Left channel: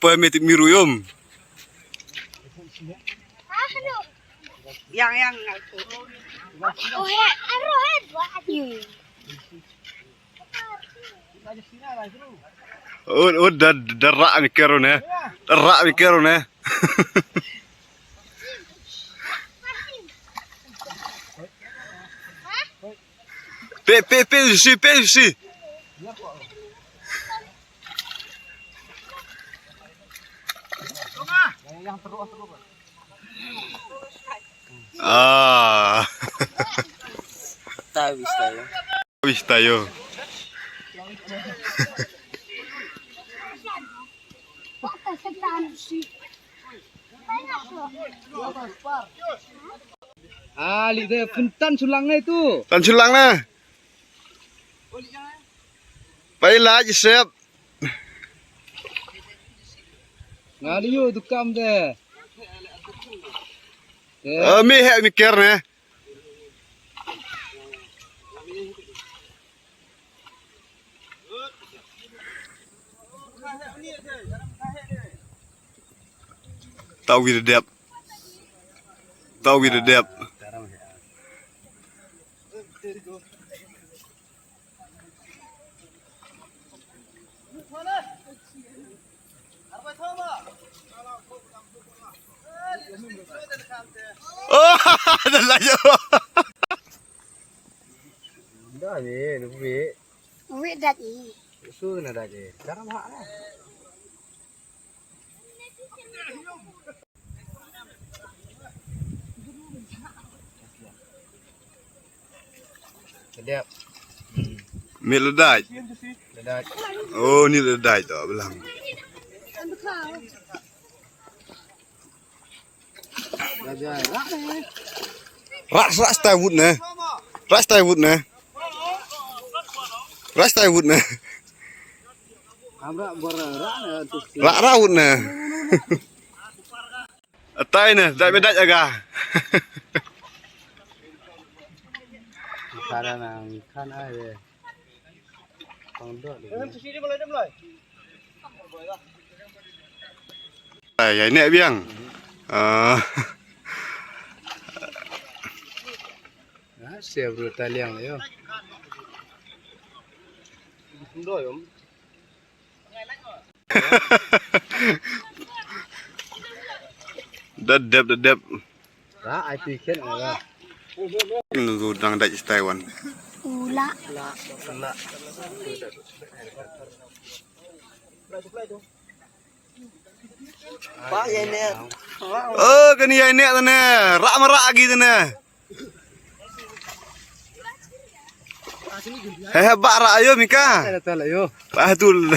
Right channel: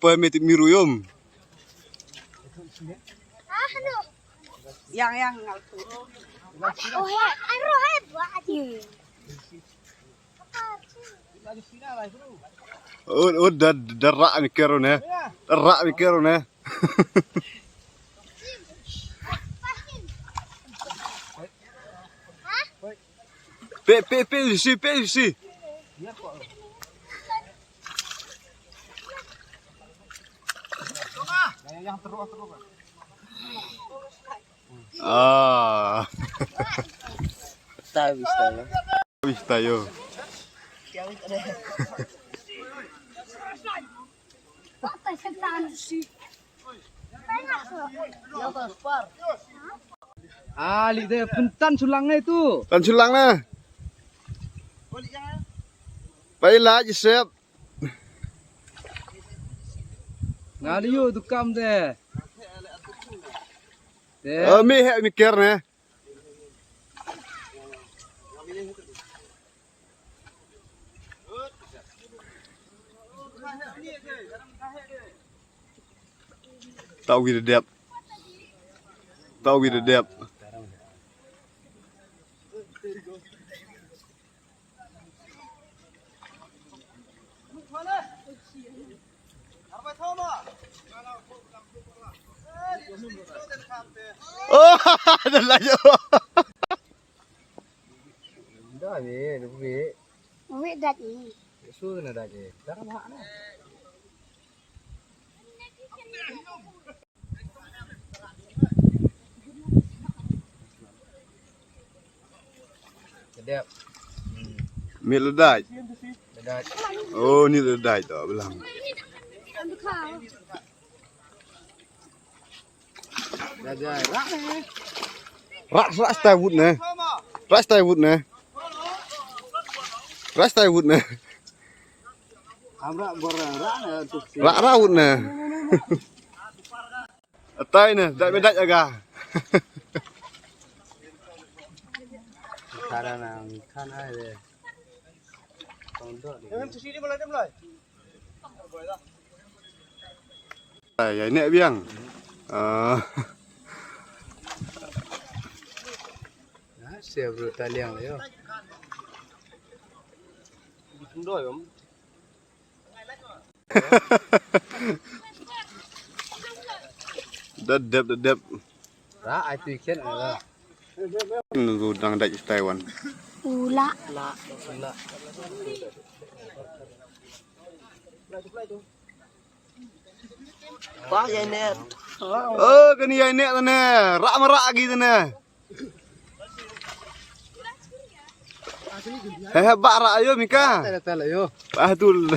Pemit miruyum. Yang oh Derak mikirun ya. Derak mikirun ya. Pe. Yang terus. Ah. tayo. Wis tayo. Ali deh, puntan sulangnya itu. Tan sulang na. Baiklah, siap. Ngali yuk tukam deh. Mikir na. Tahu widadep. Oh, ada lagi. Dah ni, duit. Uwi dati. Susu na dah je. Cara mahal. Sedap. Mie ledai. Sedap. Oh, ni ledai tu belang. Dah lah. Ras tai wud na. Ras tai wud na. Amra berak na tu. Ra wud na. Tai na, dai bedak jaga. Cara nang kan aja. Pondok. Ya ini biang. Siap bertaliang yo. Sundoi om. Dedep. Ra ai piken ala. Nunggu dang dai Taiwan. Ula. Pak ya net. Oh, kani ya nek tu ne. Rak merak gitu ne. Hebat rak ayo Mika. Ada tala yo. Patul.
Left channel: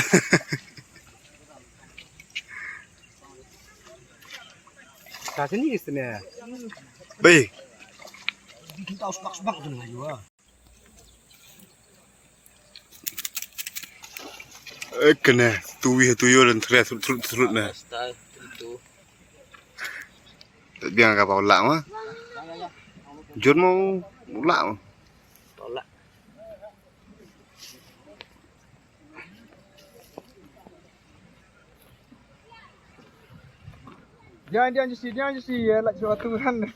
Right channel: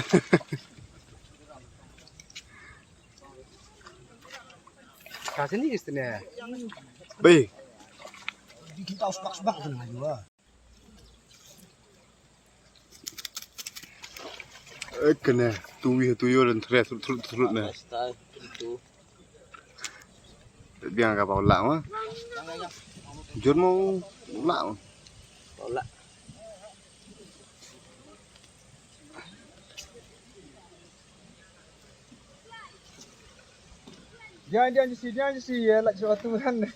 Kasini istene. Baik. Bikin tahu sebak tu lah yo. Kena tuyo dan terus na. Itu. Biang kapal lak mah. Jur mau lak. Tolak. Jangan sih ya lak suatu Tuhan.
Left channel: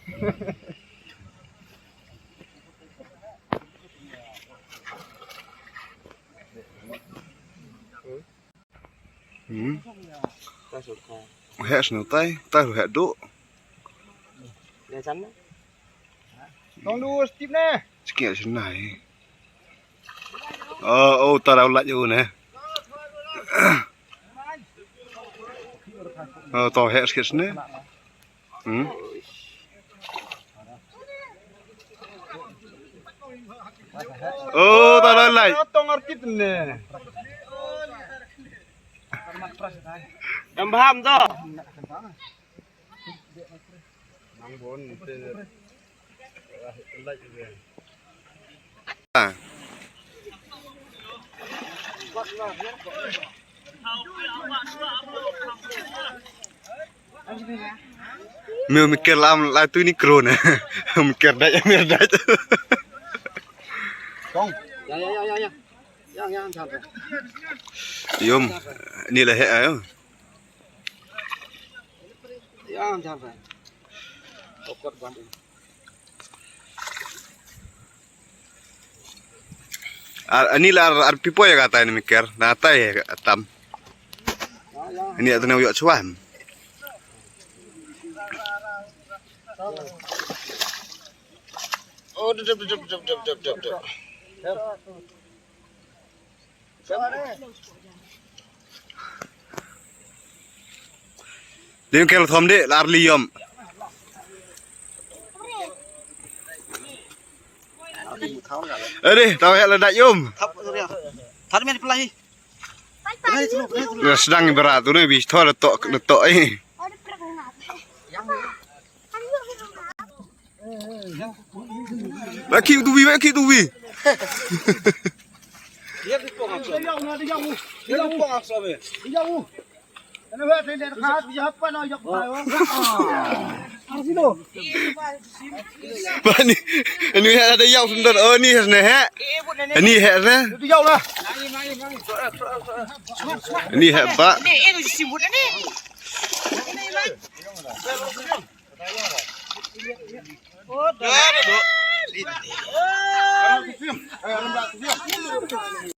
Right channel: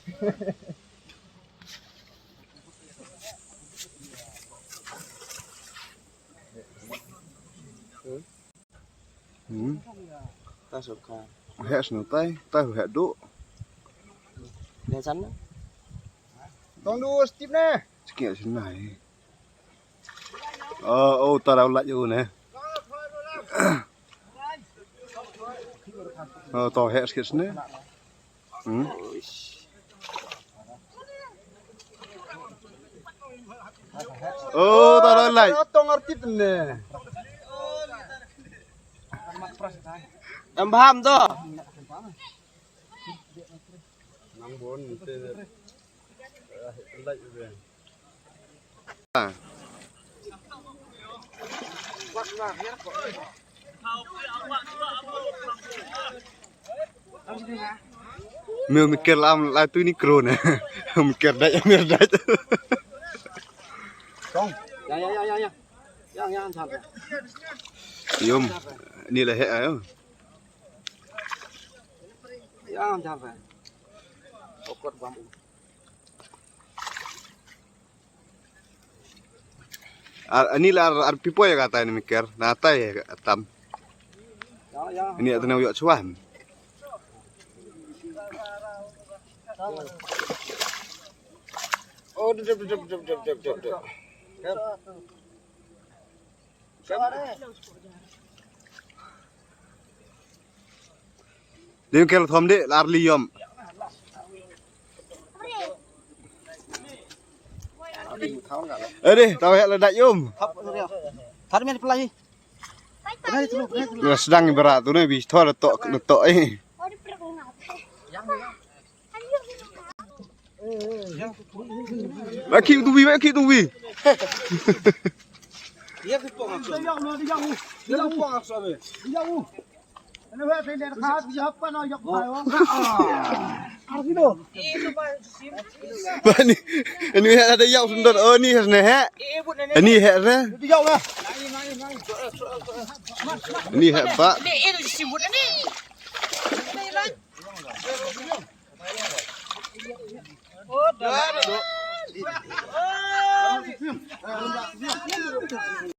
Ta suka. Hek seno tai hek duk. Dia sana. Tong dua stip ne. Sikit senai. Oh, ta dah lak je ne. Oh, tao hek sikit sene. Oh, ta dah lak. Tong artip ne. Em paham tu. Mikir lam lah tu ni kron. Mikir dah. Tong. Ya. Yang santai. Yum, ini lah ayo. Yang santai. Pokok banding. Ini lah pipo ya kata ini mikir, nata ya tam. Ini atau nak yuk cuan. Oh, dep. Dia kalau thom dek larli yom. Deh, tahu ya ledak yom. Thắt men pelai. Sedang berat tu ni bis thor letok ini. Baki tu bi. Dia pipok ak sabe. Dia pipok ak sabe. Ana wa fe der khat bi happa no yak payo. Arsido. Bani, ini ada yang sundar. Oh ni hasne he. Ini he na. Tu yau lah. Ini he pak. Ini sibut ini. Oh, dah.